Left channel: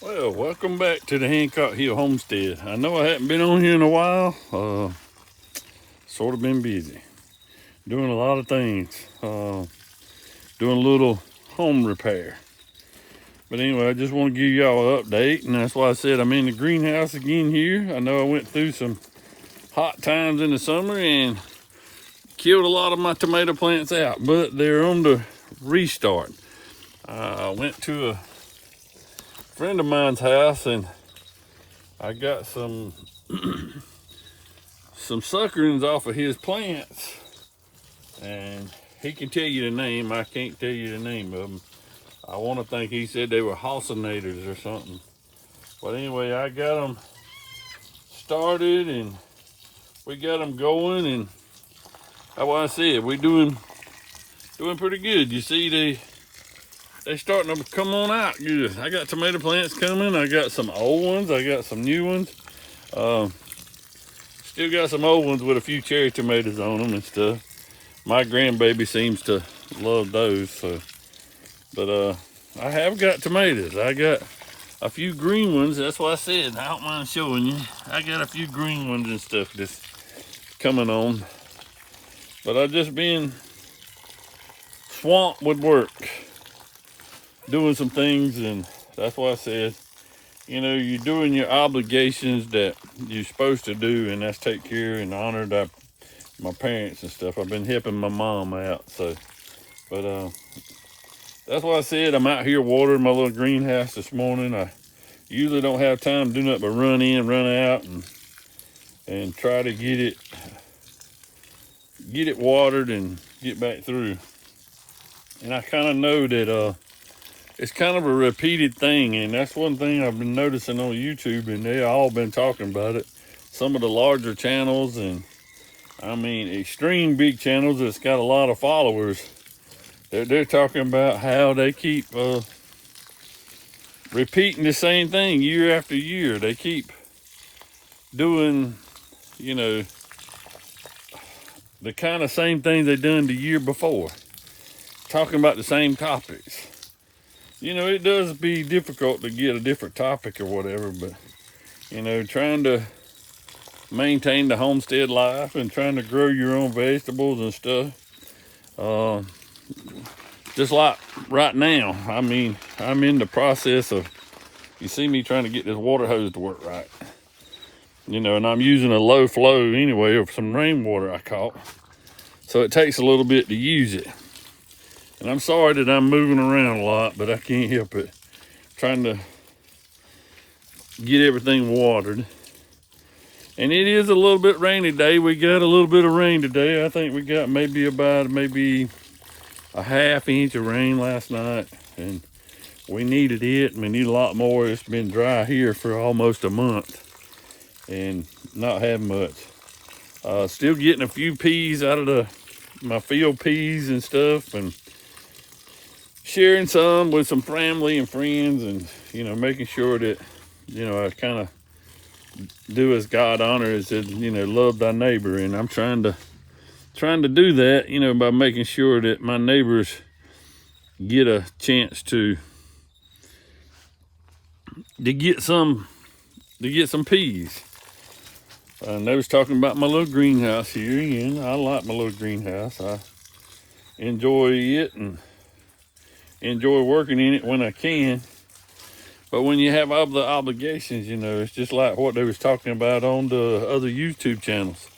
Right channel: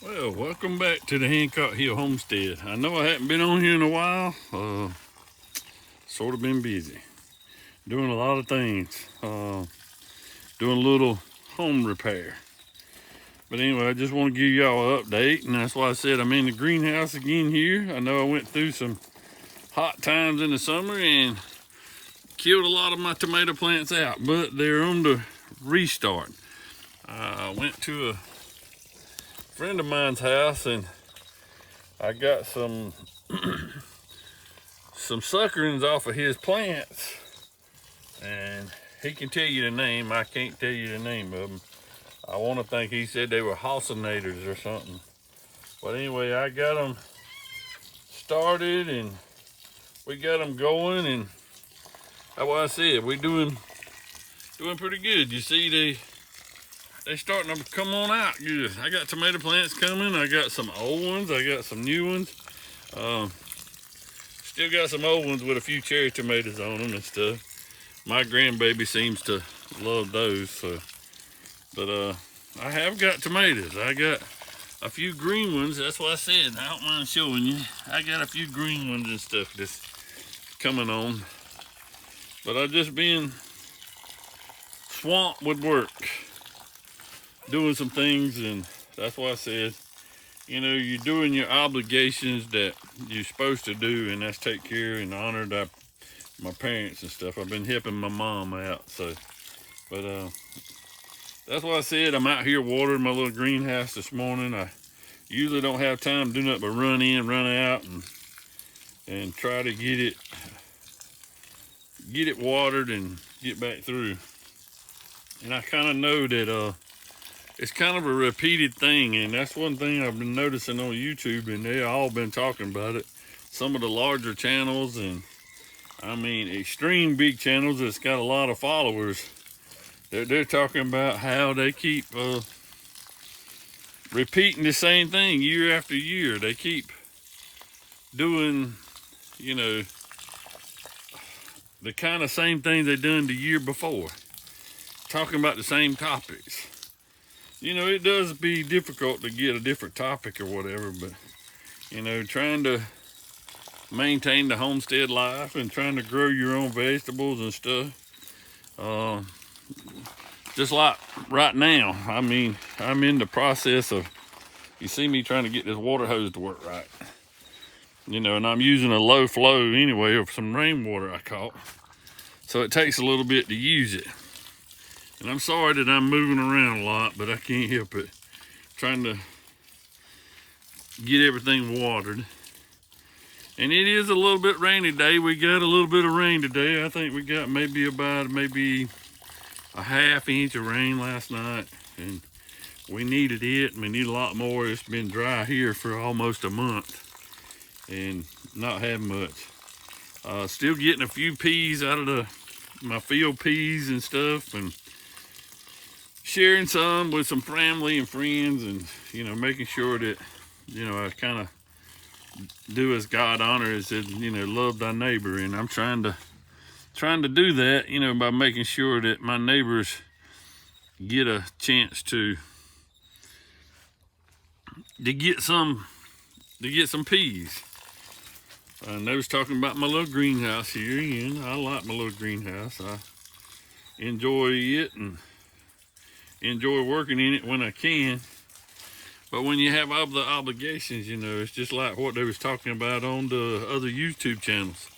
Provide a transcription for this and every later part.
Well, welcome back to the Hancock Hill Homestead. I know I haven't been on here in a while. Sort of been busy. Doing a lot of things. Doing a little home repair. But anyway, I just want to give y'all an update, and that's why I said I'm in the greenhouse again here. I know I went through some hot times in the summer and killed a lot of my tomato plants out, but they're on the restart. I went to a friend of mine's house and I got some suckerings off of his plants, and he can tell you the name. I can't tell you the name of them. I want to think he said they were halcinators or something. But anyway, I got them started and we got them going, and that's what I said. We doing pretty good. You see, they starting to come on out good. I got tomato plants coming. I got some old ones. I got some new ones. Still got some old ones with a few cherry tomatoes on them and stuff. My grandbaby seems to love those. So, but I have got tomatoes. I got a few green ones. That's what I said. I don't mind showing you. I got a few green ones and stuff that's coming on. But I've just been swamped with work, doing some things, and that's why I said, you know, you're doing your obligations that you're supposed to do, and that's take care and honor my parents and stuff. I've been helping my mom out, so, but that's why I said I'm out here watering my little greenhouse this morning. I usually don't have time to do nothing but run in, run out, and try to get it watered and get back through. And I kind of know that it's kind of a repeated thing, and that's one thing I've been noticing on YouTube, and they all been talking about it. Some of the larger channels, and I mean extreme big channels that's got a lot of followers, they're talking about how they keep repeating the same thing year after year. They keep doing, you know, the kind of same things they done the year before, talking about the same topics. You know, it does be difficult to get a different topic or whatever, but, you know, trying to maintain the homestead life and trying to grow your own vegetables and stuff. Just like right now, I mean, I'm in the process of, you see me trying to get this water hose to work right. You know, and I'm using a low flow anyway of some rainwater I caught. So it takes a little bit to use it. And I'm sorry that I'm moving around a lot, but I can't help it. Trying to get everything watered. And it is a little bit rainy day. We got a little bit of rain today. I think we got maybe a half inch of rain last night. And we needed it, and we need a lot more. It's been dry here for almost a month and not having much. Still getting a few peas out of my field peas and stuff, and sharing some with some family and friends, and, you know, making sure that, you know, I kind of do as God honors, and, you know, love thy neighbor. And I'm trying to do that, you know, by making sure that my neighbors get a chance to get some peas. And they was talking about my little greenhouse here, and I like my little greenhouse. I enjoy it and enjoy working in it when I can. But when you have other obligations, you know, it's just like what they was talking about on the other YouTube channels,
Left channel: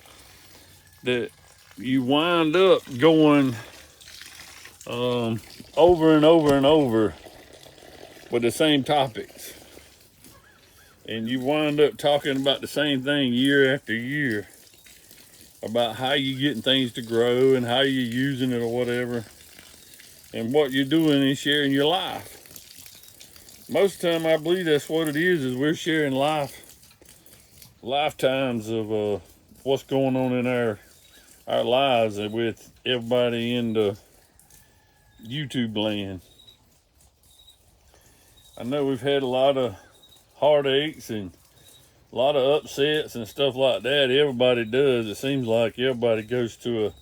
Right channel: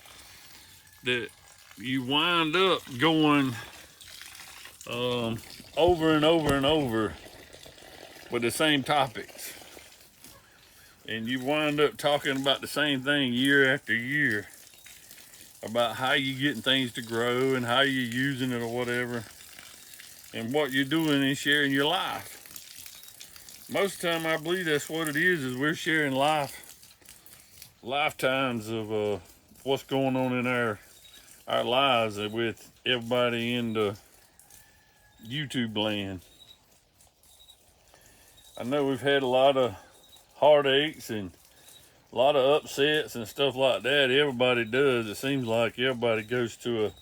that you wind up going over and over and over with the same topics. And you wind up talking about the same thing year after year, about how you getting things to grow and how you're using it or whatever. And what you're doing is sharing your life. Most of the time, I believe that's what it is we're sharing lifetimes of what's going on in our lives with everybody in the YouTube land. I know we've had a lot of heartaches and a lot of upsets and stuff like that. Everybody does. It seems like everybody goes to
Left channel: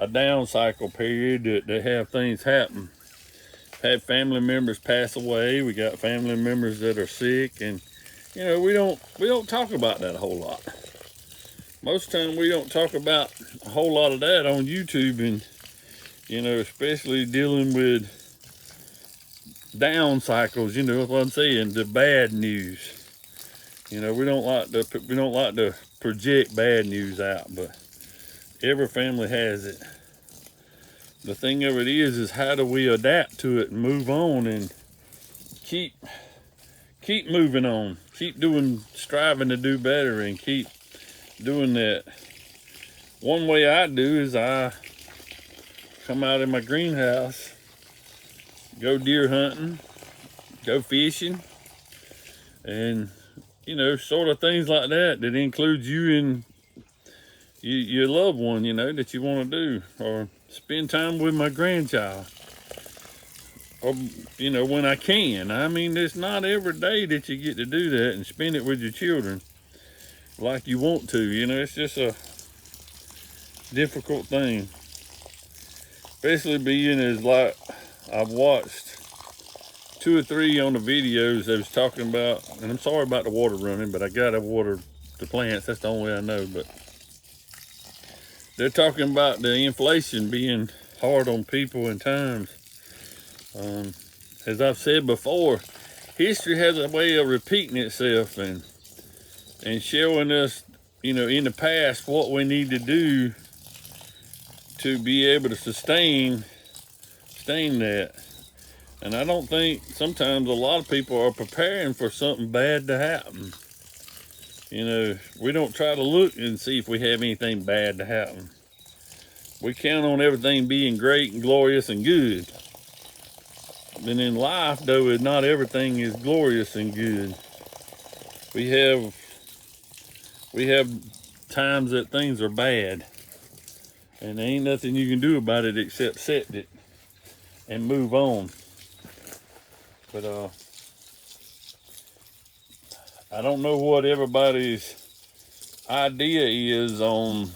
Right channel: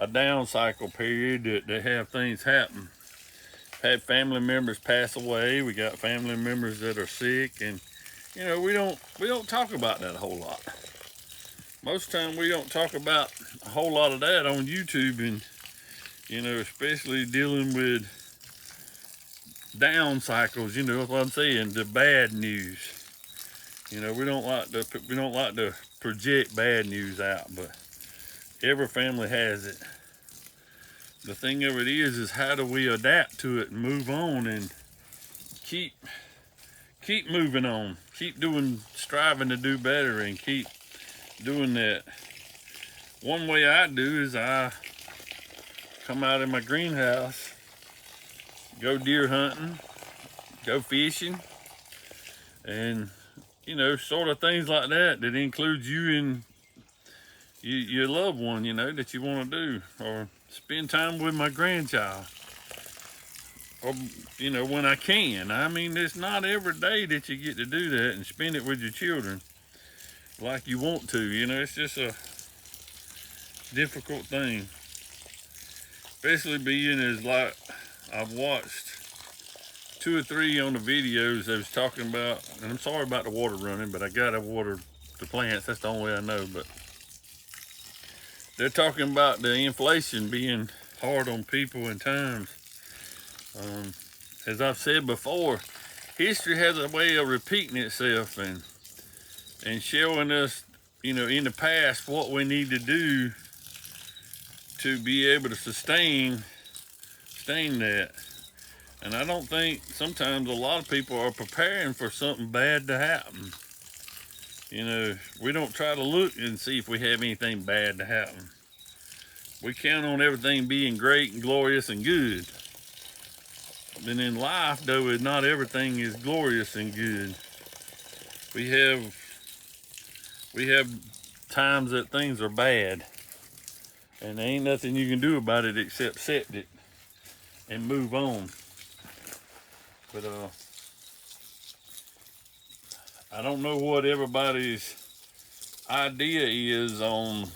a down cycle period that they have things happen. had family members pass away. We got family members that are sick, and you know, we don't talk about that a whole lot. Most of the time we don't talk about a whole lot of that on YouTube, and you know, especially dealing with down cycles, you know what I'm saying, the bad news. You know, we don't like to project bad news out, but every family has it. The thing of it is how do we adapt to it and move on and keep moving on, keep striving to do better, and keep doing that. One way I do is I come out in my greenhouse, go deer hunting, go fishing, and you know, sort of things like that includes you and your loved one, you know, that you want to do, or spend time with my grandchild, or you know, when I can. I mean, it's not every day that you get to do that and spend it with your children like you want to, you know. It's just a difficult thing, especially being as like I've watched 2 or 3 on the videos that was talking about, and I'm sorry about the water running, but I gotta water the plants. That's the only way I know. But they're talking about the inflation being hard on people in times. As I've said before, history has a way of repeating itself and showing us, you know, in the past what we need to do to be able to sustain that. And I don't think sometimes a lot of people are preparing for something bad to happen. You know, we don't try to look and see if we have anything bad to happen. We count on everything being great and glorious and good. And in life, though, not everything is glorious and good. We have times that things are bad, and there ain't nothing you can do about it except accept it and move on. But I don't know what everybody's idea is on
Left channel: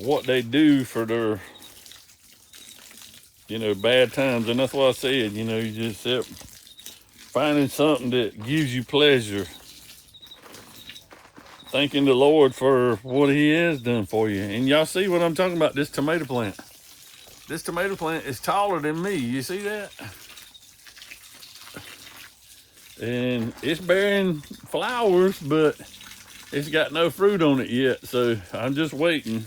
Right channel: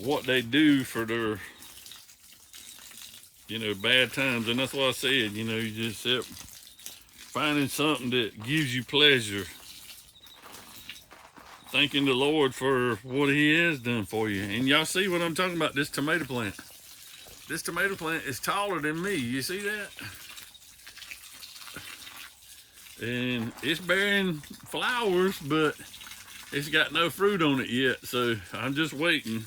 what they do for their, you know, bad times. And that's what I said, you know, you just finding something that gives you pleasure, thanking the Lord for what he has done for you. And y'all see what I'm talking about, this tomato plant. This tomato plant is taller than me. You see that? And it's bearing flowers, but it's got no fruit on it yet. So I'm just waiting.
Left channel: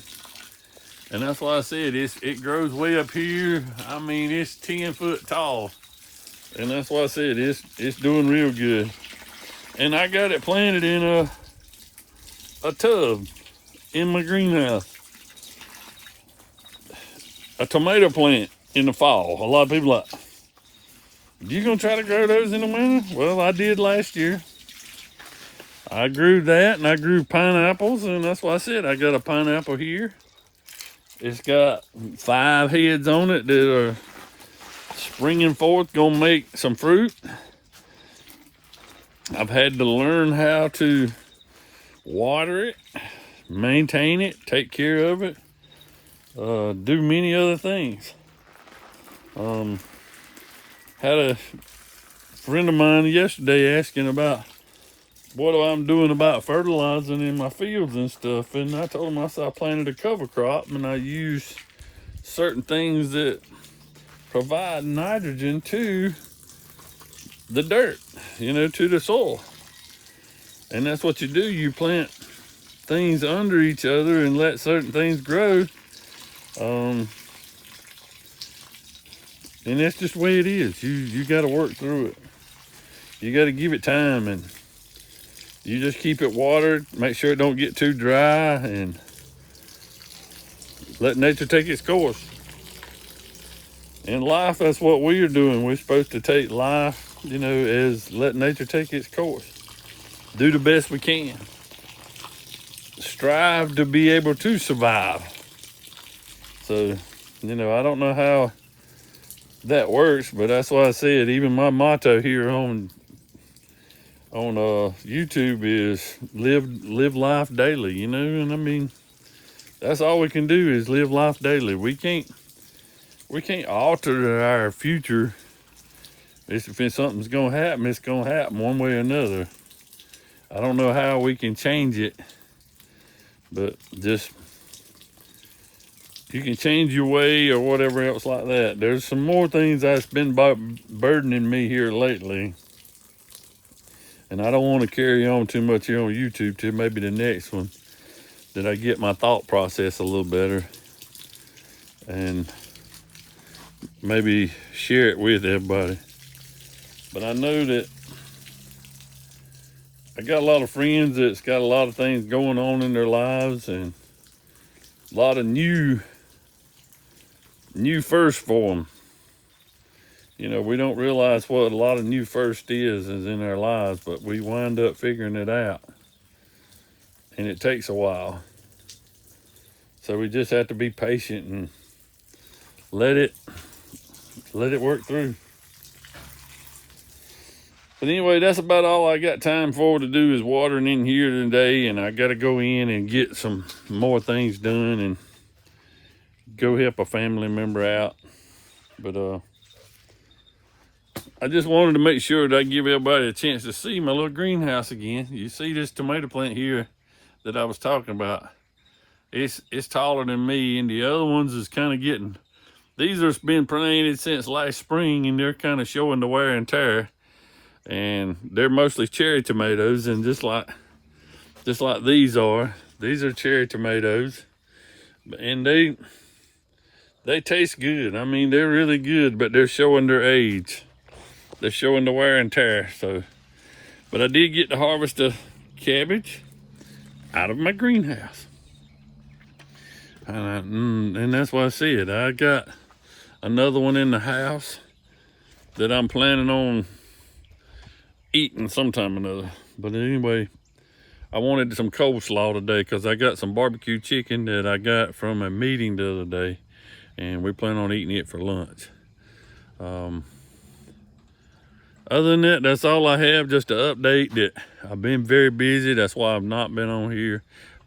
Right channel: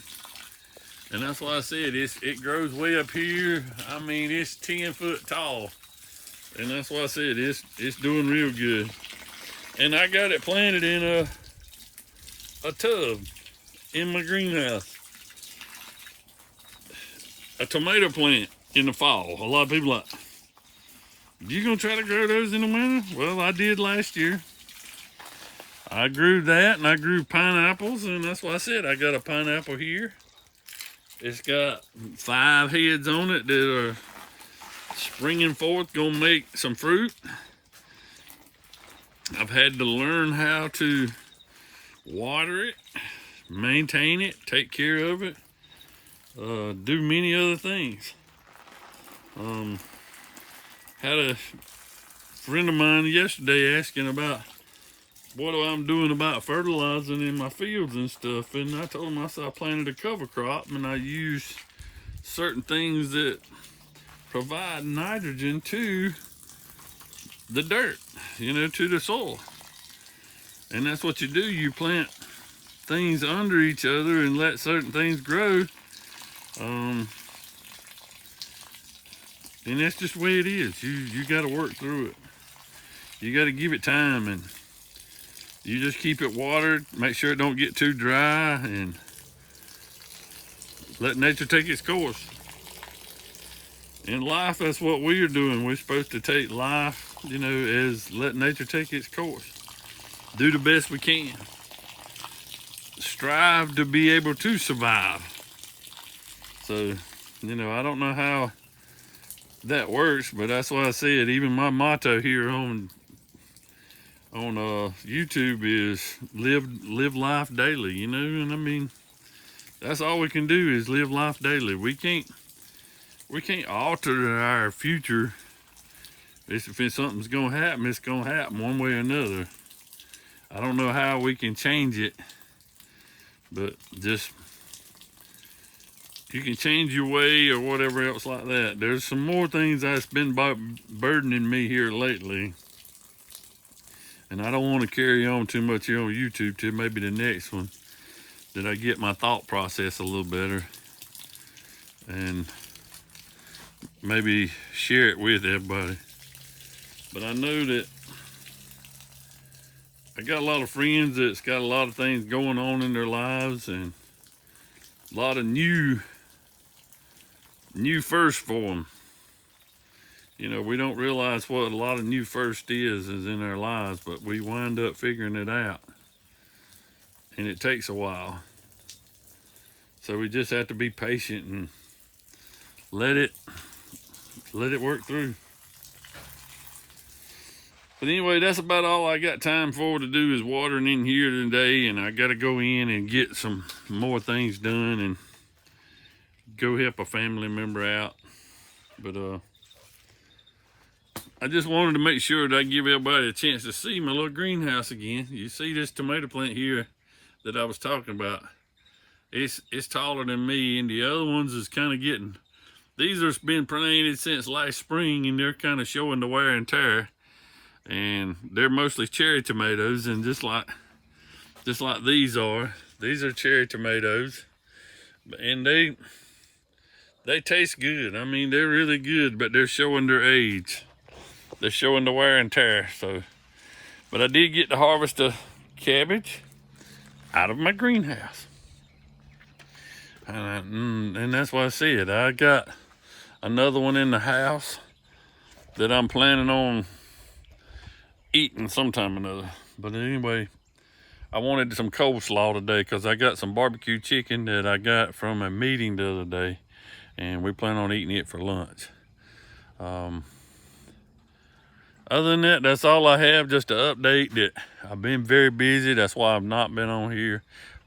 And that's why I said it grows way up here. I mean, it's 10 foot tall. And that's why I said it's doing real good. And I got it planted in a tub in my greenhouse. A tomato plant in the fall. A lot of people are like, you gonna try to grow those in the winter? Well, I did last year. I grew that, and I grew pineapples, and that's why I said I got a pineapple here. It's got 5 heads on it that are springing forth, gonna make some fruit. I've had to learn how to water it, maintain it, take care of it, do many other things. Had a friend of mine yesterday asking about what I'm doing about fertilizing in my fields and stuff, and I told him, I said I planted a cover crop and I use certain things that provide nitrogen to the dirt, you know, to the soil. And that's what you do. You plant things under each other and let certain things grow. And that's just the way it is. You got to work through it. You got to give it time, and you just keep it watered. Make sure it don't get too dry, and let nature take its course. In life, that's what we are doing. We're supposed to take life, you know, as let nature take its course. Do the best we can. Strive to be able to survive. So, you know, I don't know how that works, but that's why I said even my motto here on YouTube is live life daily, you know. And I mean, that's all we can do is live life daily. We can't we can't alter our future. If something's gonna happen, it's gonna happen one way or another. I don't know how we can change it, but just, you can change your way or whatever else like that. There's some more things that's been burdening me here lately. And I don't want to carry on too much here on YouTube till maybe the next one, that I get my thought process a little better and maybe share it with everybody. But I know that I got a lot of friends that's got a lot of things going on in their lives, and a lot of new first for them. You know, we don't realize what a lot of new first is in our lives, but we wind up figuring it out. And it takes a while. So we just have to be patient and let it work through. But anyway, that's about all I got time for to do is watering in here today, and I got to go in and get some more things done and go help a family member out. But I just wanted to make sure that I give everybody a chance to see my little greenhouse again. You see this tomato plant here that I was talking about. It's taller than me, and the other ones is kind of getting, these have been planted since last spring, and they're kind of showing the wear and tear. And they're mostly cherry tomatoes, and just like these are cherry tomatoes, and they taste good. I mean, they're really good, but they're showing their age. They're showing the wear and tear. So, but I did get to harvest a cabbage out of my greenhouse, and that's why I said I got another one in the house that I'm planning on eating sometime or another. But anyway, I wanted some coleslaw today because I got some barbecue chicken that I got from a meeting the other day, and we plan on eating it for lunch. Other than that, that's all I have. Just to update that I've been very busy. That's why I've not been on here.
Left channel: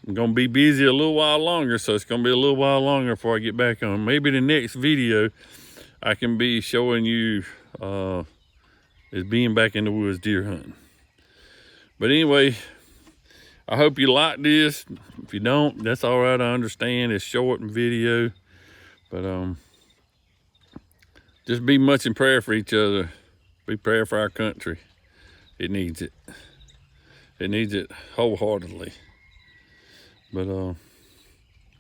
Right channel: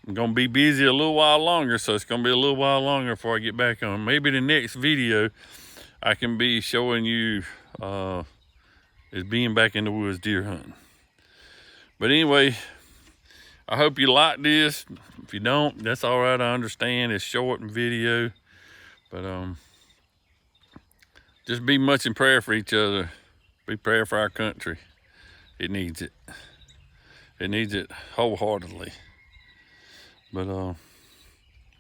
I'm gonna be busy a little while longer, so it's gonna be a little while longer before I get back on. Maybe the next video I can be showing you is being back in the woods deer hunting. But anyway, I hope you like this. If you don't, that's all right. I understand it's short and video, but just be much in prayer for each other. Be prayer for our country. It needs it. It needs it wholeheartedly. But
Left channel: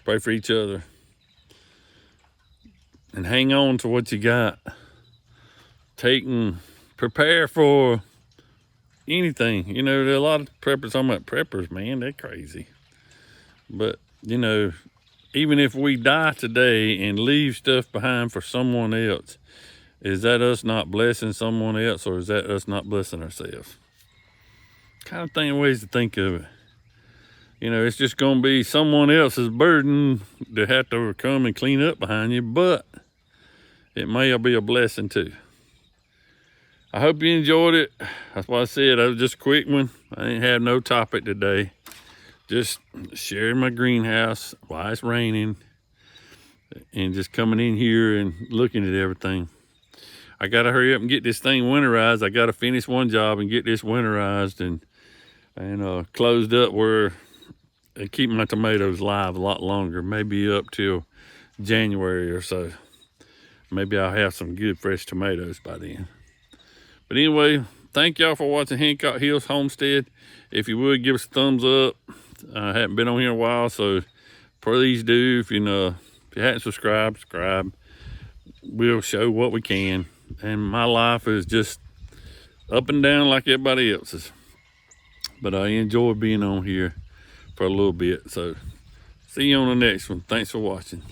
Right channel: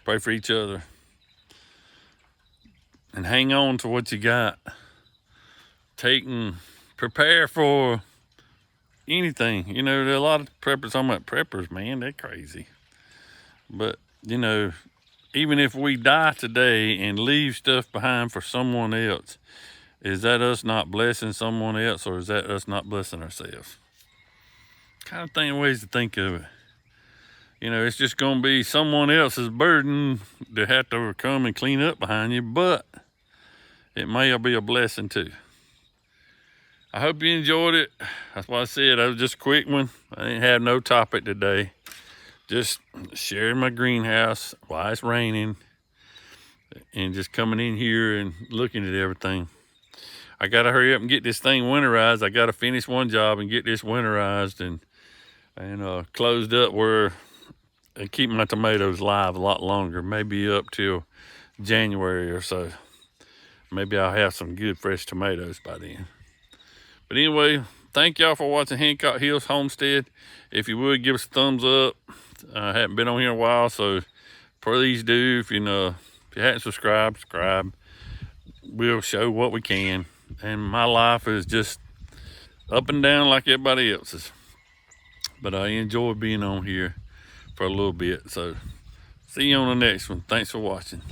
pray for each other and hang on to what you got. Prepare for anything. You know, there are a lot of preppers. I'm about preppers, man, they're crazy. But you know, even if we die today and leave stuff behind for someone else, is that us not blessing someone else, or is that us not blessing ourselves? Kind of ways to think of it. You know, it's just gonna be someone else's burden to have to come and clean up behind you, but it may be a blessing too. I hope you enjoyed it. That's why I said it was just a quick one. I didn't have no topic today. Just sharing my greenhouse while it's raining and just coming in here and looking at everything. I gotta hurry up and get this thing winterized. I gotta finish one job and get this winterized and closed up where I keep my tomatoes live a lot longer, maybe up till January or so. Maybe I'll have some good fresh tomatoes by then. But anyway, thank y'all for watching Hancock Hills Homestead. If you would, give us a thumbs up. I haven't been on here in a while, so please do. If you hadn't subscribed, subscribe. We'll show what we can. And my life is just up and down like everybody else's. But I enjoy being on here for a little bit. So see you on the next one. Thanks for watching.